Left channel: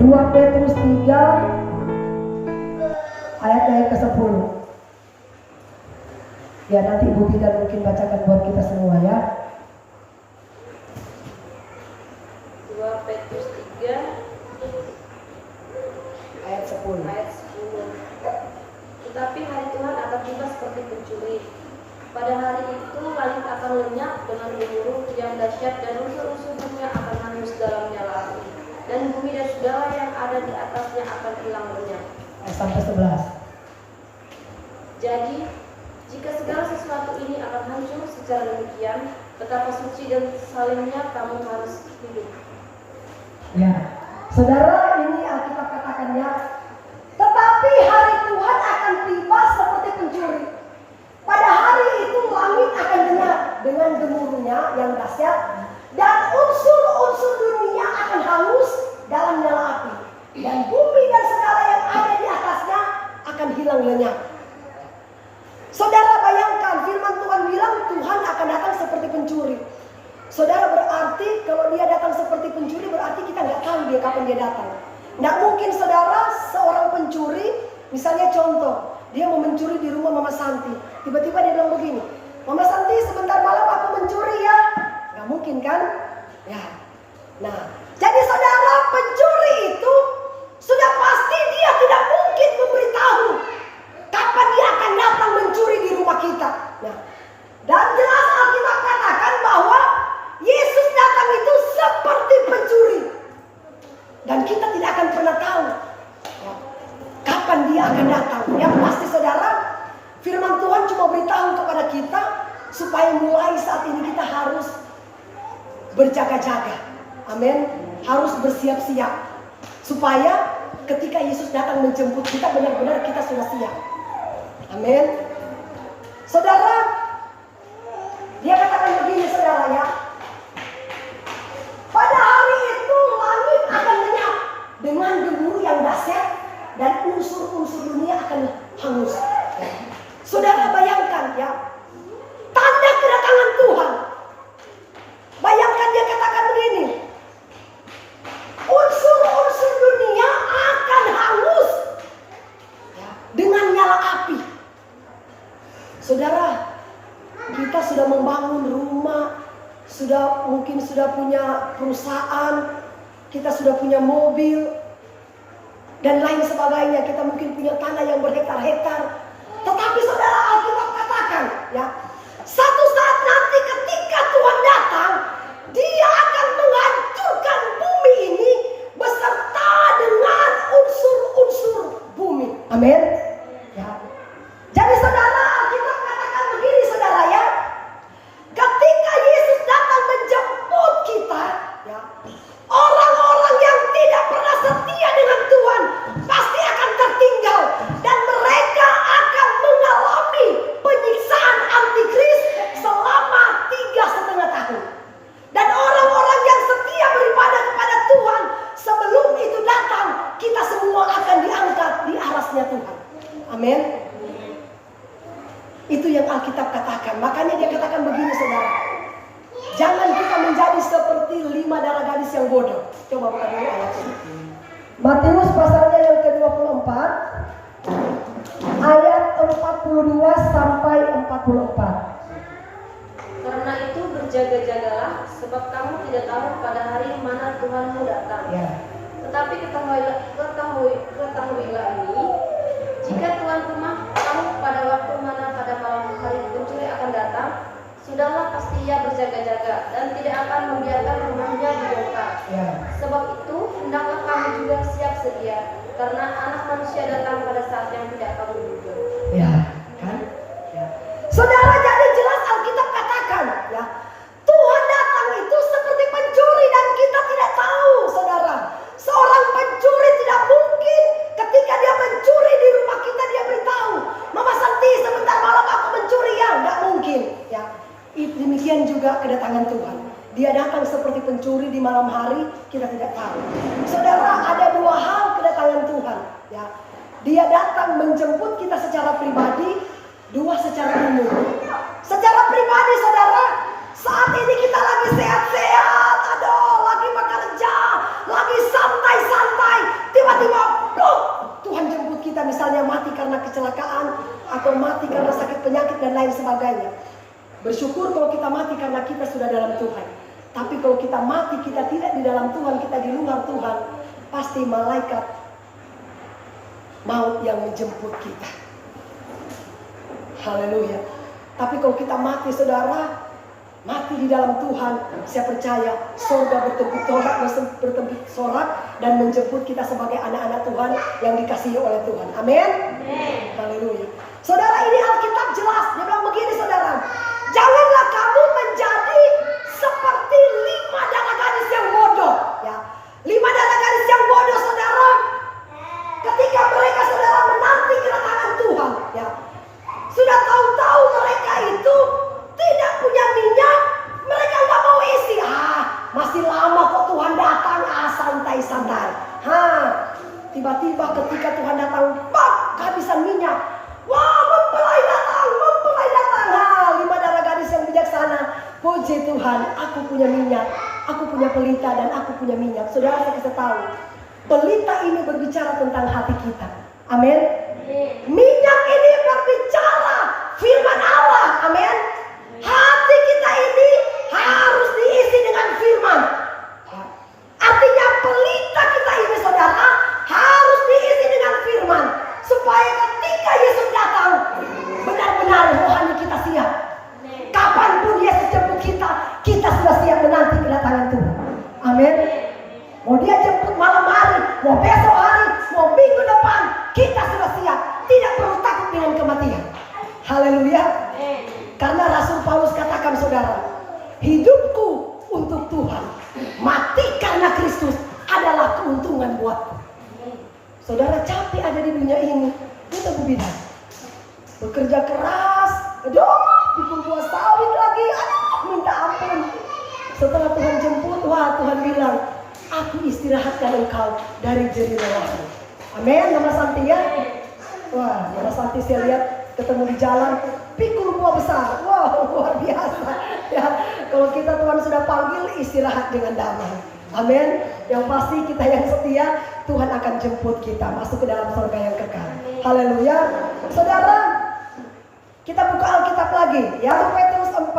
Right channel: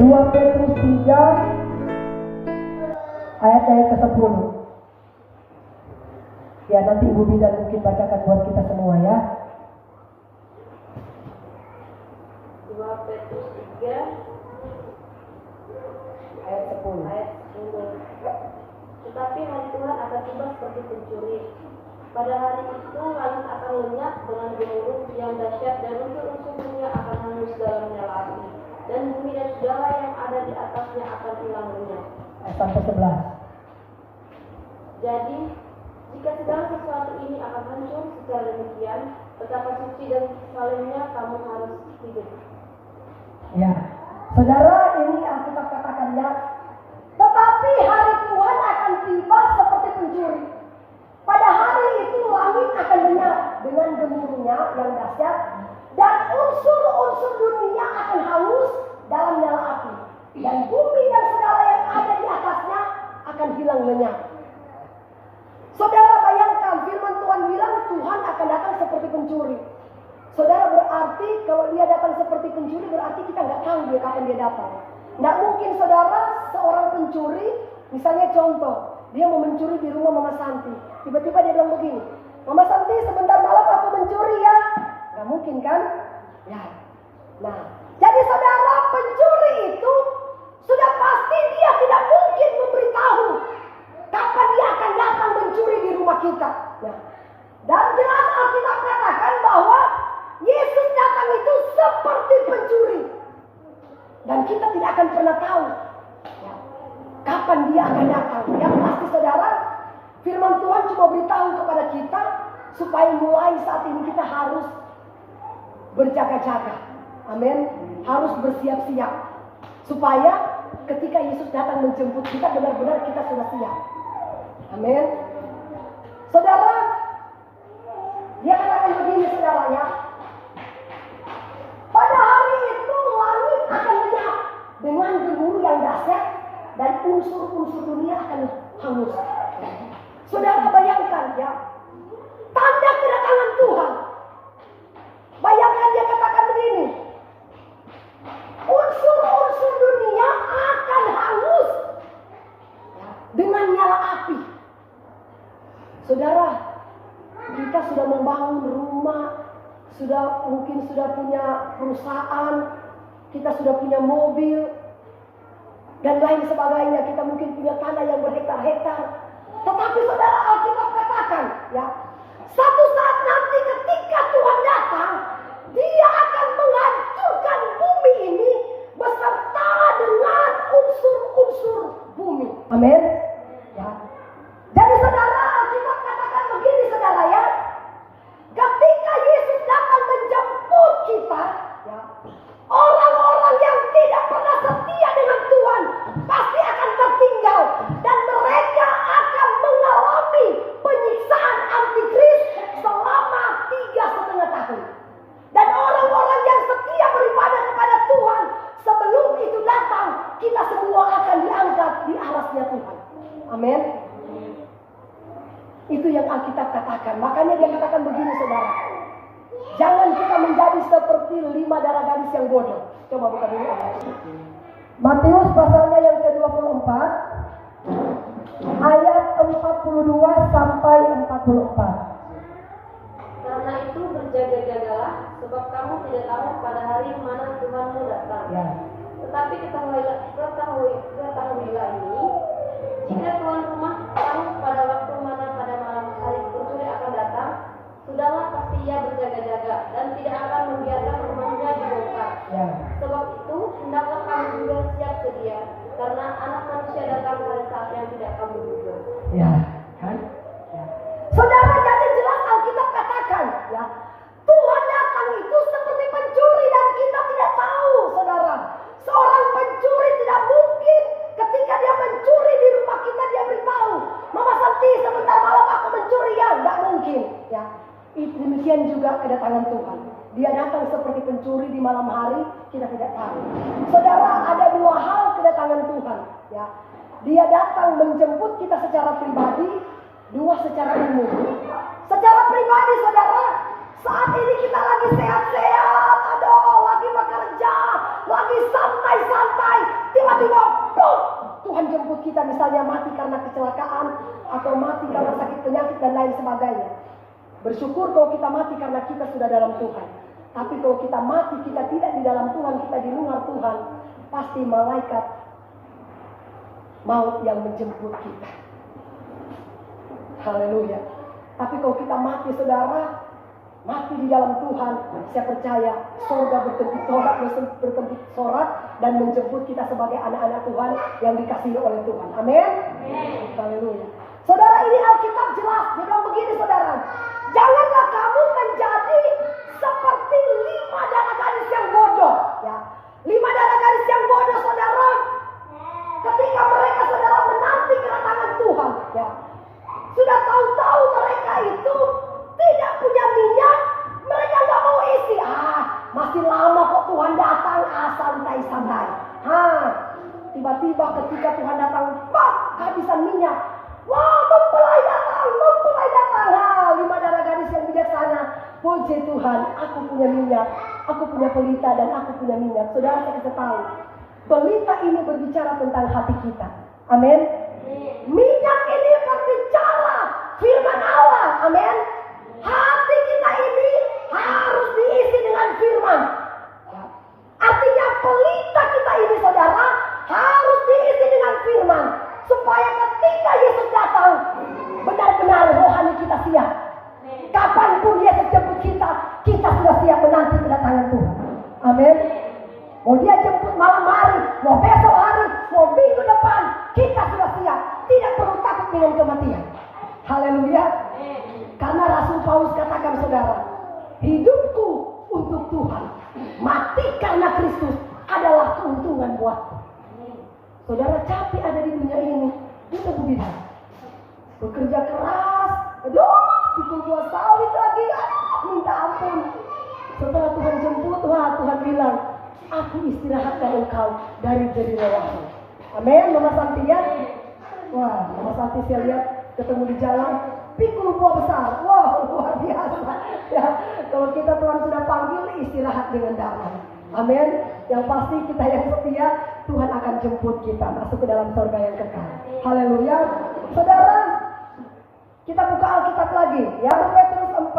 2 Petrus 3 ayat yang ke-10. Ya, nanti Ibu Bidan mungkin bacakan buat kita semua ya. 2 Petrus 3 ayat 10. Tetapi hari Tuhan akan tiba seperti pencuri. Pada hari itu langit akan lenyap dengan gemuruh yang dahsyat dan unsur-unsur dunia akan hangus dalam nyala api. Dan bumi dan segala yang ada di atasnya akan hilang lenyap. Sampai 11. Jadi, jika segala sesuatu ini akan hancur secara demikian, betapa suci dan salimnya kamu harus hidup. Ya, saudara, ini Alkitab katakannya, tetapi hari Tuhan akan tiba seperti pencuri. Pada hari itu langit akan lenyap dengan gemuruhnya yang dahsyat, dan unsur-unsur dunia akan hangus dalam nyala api, dan bumi dan segala yang ada di atasnya akan hilang lenyap. Saudara, bayangkan firman Tuhan bilang Tuhan akan datang seperti pencuri. Saudara, berarti kalau dia datang seperti pencuri, berarti kita nggak tahu dia kapan dia datang. Nggak mungkin saudara, seorang pencuri, misalnya contoh, dia mau mencuri di rumah Mama Santi. Tiba-tiba dia bilang begini, Mama Santi sebentar malam aku mencuri ya. Nggak mungkin kan? Ya. Nah, jadi saudara, pencuri itu sudah pasti dia tidak mungkin memberitahu kapan dia akan datang mencuri di rumah kita. Nah, dan jelas Alkitab katakan bahwa Yesus datang itu seperti pencuri. Dan kita tidak akan pernah tahu ya, kapan dia akan datang. Yang pasti saudara, firman Tuhan cuma beritahu kepada kita supaya mulai saat ini kita harus berjaga-jaga. Amin. Harus bersiap-siap. Supaya ketika Yesus datang menjemput kita, benar-benar kita sudah siap. Amin. Saudara, dia katakan begini saudara ya. Pada hari itu langit akan lenyap dengan gemuruh yang dahsyat dan unsur-unsur dunia akan hangus. Saudara bayangkan ya, tanda kedatangan Tuhan. Bayangkan dia katakan begini, unsur-unsur dunia akan hangus dengan nyala api. Saudara, kita sudah membangun rumah, mungkin sudah punya perusahaan, kita sudah punya mobil, dan lain sebagainya. Kita mungkin punya tanah yang berhektar-hektar. Tetapi saudara, Alkitab katakan ya, satu saat nanti ketika Tuhan datang, dia akan menghancurkan bumi ini beserta dengan unsur-unsur bumi. Amin. Ya. Jadi saudara, Alkitab katakan begini saudara ya, ketika Yesus datang menjemput kita ya, orang-orang yang tidak pernah setia dengan Tuhan pasti akan tertinggal, dan mereka akan mengalami penyiksaan antikris selama 3,5 tahun. Dan orang-orang yang setia beribadah kepada Tuhan, sebelum itu datang, kita semua akan diangkat di arasnya Tuhan. Amin. Itu yang Alkitab katakan. Makanya dia katakan begini saudara, jangan kita menjadi seperti 5 darah gadis yang bodoh. Coba buka dulu ayat ini. Matius pasalnya yang ke-24 ayat 42 sampai 44. Karena itu berjaga-jagalah, sebab kamu tidak tahu pada hari mana Tuhanmu datang. Ya. Tetapi ketahuilah ini, jika tuan rumah tahu pada waktu mana pada malam hari pencuri akan datang, sudahlah pasti ia berjaga-jaga dan tidak akan membiarkan rumahnya dibongkar. Ya. Sebab itu hendaklah kamu juga siap sedia, karena Anak Manusia datang pada saat yang tidak kamu duga. Ya, kan? Ya. Saudara, jadi jelas Alkitab katakan ya, Tuhan datang itu seperti pencuri dan kita tidak tahu, saudara. Seorang pencuri tidak mungkin ketika dia mencuri di rumah kita dia beritahu, Mama Santi sebentar malam aku mencuri ya, nggak mungkin ya. Demikian juga kedatangan Tuhan. Dia datang seperti pencuri di malam hari, kita tidak tahu. Saudara, ada 2 hal kedatangan Tuhan ya. Dia datang menjemput kita secara pribadi, 2 secara umum. Secara pribadi saudara, saat ini kita lagi sehat-sehat, aduh, lagi bekerja, lagi santai-santai, atau mati karena sakit penyakit dan lain sebagainya. Bersyukur kalau kita mati karena kita sudah dalam Tuhan. Tapi kalau kita mati, kita tidak di dalam Tuhan, kita di luar Tuhan, pasti malaikat maut yang menjemput kita. Haleluya. Tapi kalau kita mati, saudara, mati di dalam Tuhan, saya percaya surga bertempur sorak dan menjemput kita sebagai anak-anak Tuhan yang dikasihi oleh Tuhan. Amin. Haleluya. Saudara, ini Alkitab jelas. Dia bilang begini, saudara. Janganlah kamu menjadi seperti 5 darah gadis yang bodoh. Ya, 5 darah gadis yang bodoh, saudara. Ketika mereka, saudara, menanti kedatangan Tuhan, ya, sudah tahu-tahu mereka itu tidak punya minyak, mereka nggak mau isi. Masih lama kok Tuhan datang, santai-santai. Tiba-tiba ketika Tuhan datang, kehabisan minyak. Wah, mempelai datang. 5 darah gadis yang bijaksana. Puji Tuhan, aku punya minyak, aku punya pelita dan aku punya minyak. Saudara, saya kasih tahu, pelita ini berbicara tentang hati kita. Amin. Minyak ini berbicara firman Allah. Amin. Hati kita ini harus diisi dengan firman. Artinya pelita kita ini, saudara, harus diisi dengan firman. Supaya ketika Yesus datang, benar-benar rohani kita siap. Kapanpun Yesus jemput kita, kita sudah siap menanti kedatangan Tuhan. Amin. Mau dia jemput malam hari, mau besok hari, mau minggu depan, kita sudah siap. Tidak perlu takut dengan kematian. Haleluya. Karena Rasul Paulus katakan, saudara, hidupku untuk Tuhan, mati karena Kristus adalah keuntungan buatku. Saudara, capek ada di dunia ini, itu bidang. Bekerja keras, pikul buah sawit lagi, minta ampun. Setelah Tuhan jemput, Tuhan bilang, aku istirahatkan engkau dari jerih lelahmu. Amin. Nama Santi ya. Nama Santi saya lihat ketemu di jalan, pikul buah besar. Luar biasa. Ya, kalau kita Tuhan sudah panggil, istirahat dengan damai. Amin. Yang pasti kita yang setia, Tuhan akan jemput kita masuk ke dalam surga yang kekal. Haleluya. Saudara, kita buka Alkitab lagi. 1 Petrus 4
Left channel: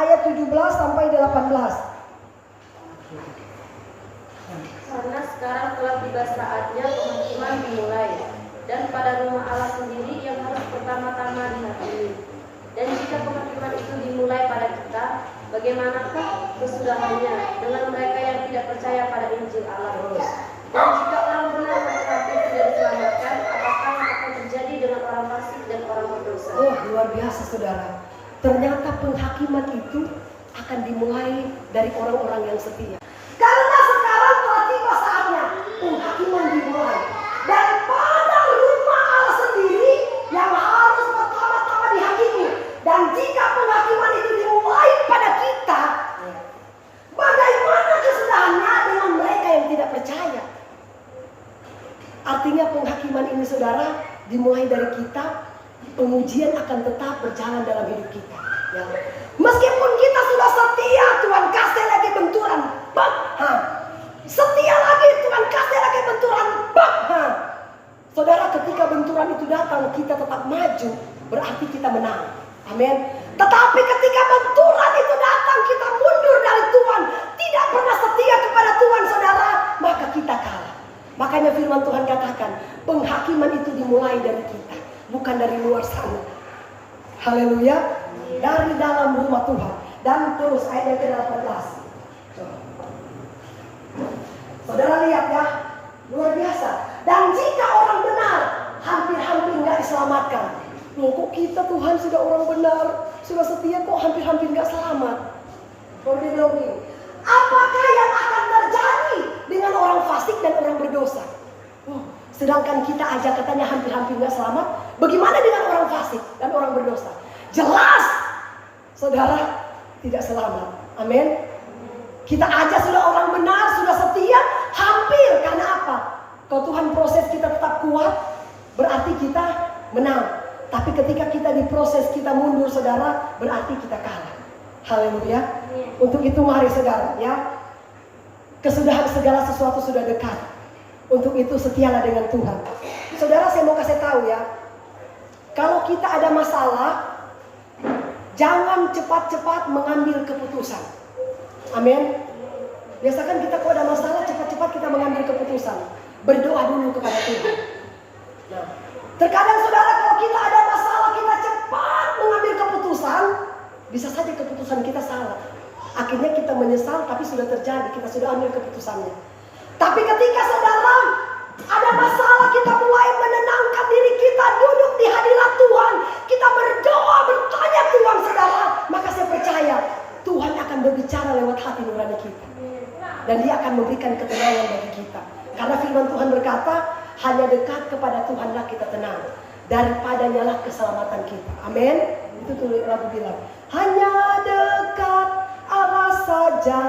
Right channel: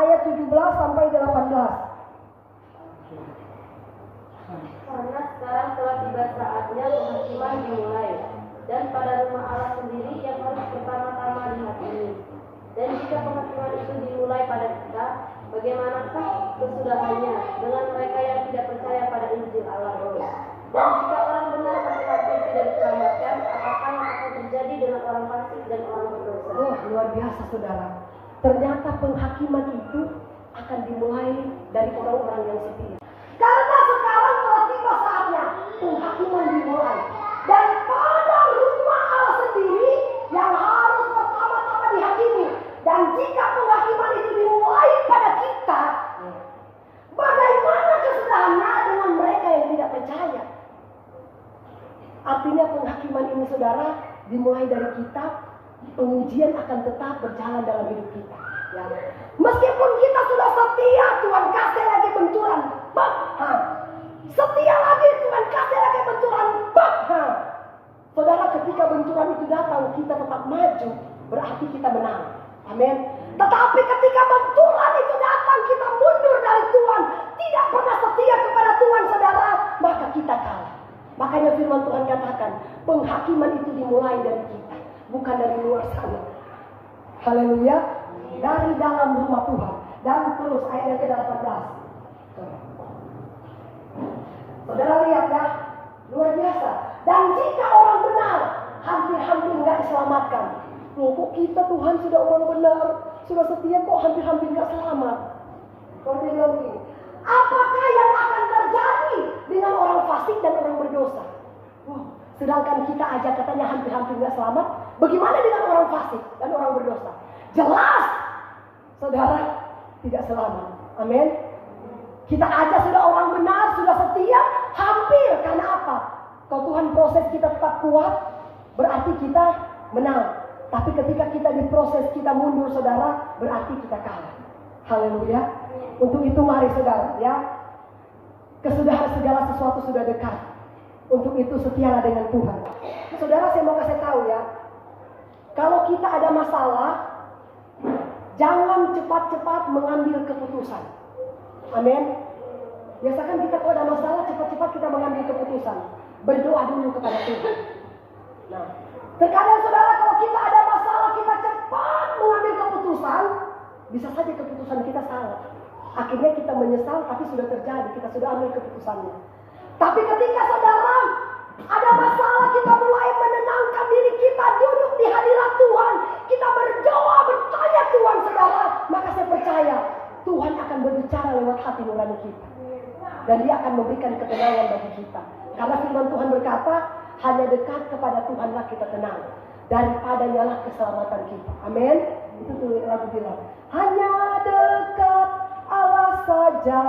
ayat 17 sampai 18. Karena sekarang telah tiba saatnya penghakiman dimulai, dan pada rumah Allah sendiri yang harus pertama-tama dihakimi. Dan jika penghakiman itu dimulai pada kita, bagaimanakah kesudahannya dengan mereka yang tidak percaya pada Injil Allah? Dan jika orang benar tetapi tidak diselamatkan, apakah yang akan terjadi dengan orang fasik dan orang berdosa? Luar biasa, saudara. Ternyata penghakiman itu akan dimulai dari orang-orang yang setia. Karena sekarang telah tiba saatnya penghakiman dimulai daripada rumah Allah sendiri yang harus pertama-tama dihakimi. Dan jika penghakiman itu dimulai pada kita, bagaimana kesudahannya dengan mereka yang tidak percaya? Artinya penghakiman ini, saudara, dimulai dari kita. Pengujian akan tetap berjalan dalam hidup kita, ya. Meskipun kita sudah setia, Tuhan kasih lagi benturan, setia lagi, Tuhan kasih lagi benturan, Saudara, ketika benturan itu datang, kita tetap maju, berarti kita menang. Amin. Tetapi ketika benturan itu datang, kita mundur dari Tuhan, tidak pernah setia kepada Tuhan, saudara, maka kita kalah. Makanya firman Tuhan katakan, penghakiman itu dimulai dari kita, bukan dari luar sana. Haleluya. Dari dalam rumah Tuhan. Dan terus ayat yang ke-18. Saudara lihat ya, luar biasa. Dan jika orang benar, hampir-hampir nggak diselamatkan. Kok kita Tuhan sudah orang benar, sudah setia, kok hampir-hampir nggak selamat? Kalau dia bilang begini, apakah yang akan terjadi dengan orang fasik dan orang berdosa? Sedangkan kita aja katanya hampir-hampir nggak selamat. Bagaimana dengan orang fasik dan orang berdosa? Jelas, saudara, tidak selamat. Amin. Kita aja sudah orang benar, sudah setia, hampir. Karena apa? Kalau Tuhan proses kita tetap kuat, berarti kita menang. Tapi ketika kita diproses, kita mundur, saudara, berarti kita kalah. Haleluya. Untuk itu mari, saudara, ya, kesudahan segala sesuatu sudah dekat. Untuk itu setialah dengan Tuhan. Saudara, saya mau kasih tahu ya, Kalau kita ada masalah, jangan cepat-cepat mengambil keputusan. Amin. Biasakan kita kalau ada masalah, cepat-cepat kita mengambil keputusan. Berdoa dulu kepada Tuhan. Nah, terkadang saudara, kalau kita ada masalah, kita cepat mengambil keputusan, bisa saja keputusan kita salah. Akhirnya kita menyesal, tapi sudah terjadi, kita sudah ambil keputusannya. Tapi ketika saudara ada masalah, kita mulai menenangkan diri kita, duduk di hadirat Tuhan, kita berdoa, bertanya Tuhan saudara, maka saya percaya Tuhan akan berbicara lewat hati nurani kita. Dan Dia akan memberikan ketenangan bagi kita. Karena firman Tuhan berkata, hanya dekat kepada Tuhanlah kita tenang, daripadanya lah keselamatan kita. Amin. Itu tuh lagu bilang, hanya dekat Allah saja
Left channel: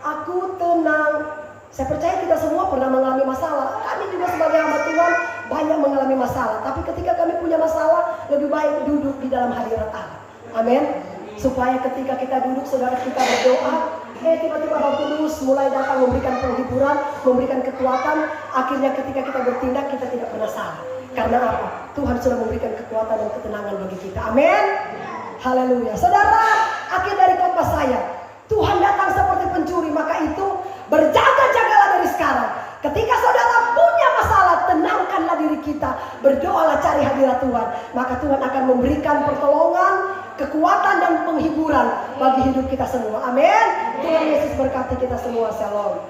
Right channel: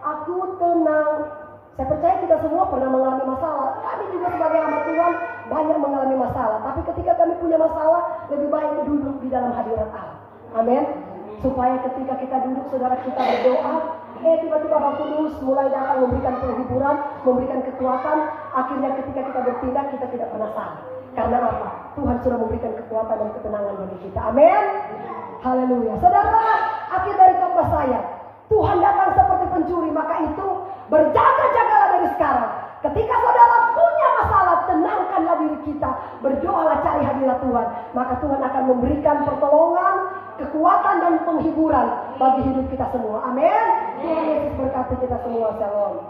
aku tenang. Saya percaya kita semua pernah mengalami masalah. Kami juga sebagai hamba Tuhan banyak mengalami masalah. Tapi ketika kami punya masalah, lebih baik duduk di dalam hadirat Allah. Amin. Supaya ketika kita duduk, saudara, kita berdoa, tiba-tiba Roh Kudus mulai datang memberikan penghiburan, memberikan kekuatan. Akhirnya ketika kita bertindak, kita tidak pernah salah. Karena apa? Tuhan sudah memberikan kekuatan dan ketenangan bagi kita. Amin. Haleluya. Saudara, akhir dari khotbah saya, Tuhan datang seperti pencuri, maka itu berjaga-jagalah dari sekarang. Ketika saudara punya masalah, tenangkanlah diri kita, berdoalah, cari hadirat Tuhan, maka Tuhan akan memberikan pertolongan, kekuatan dan penghiburan bagi hidup kita semua. Amin. Tuhan Yesus berkati kita semua. Shalom.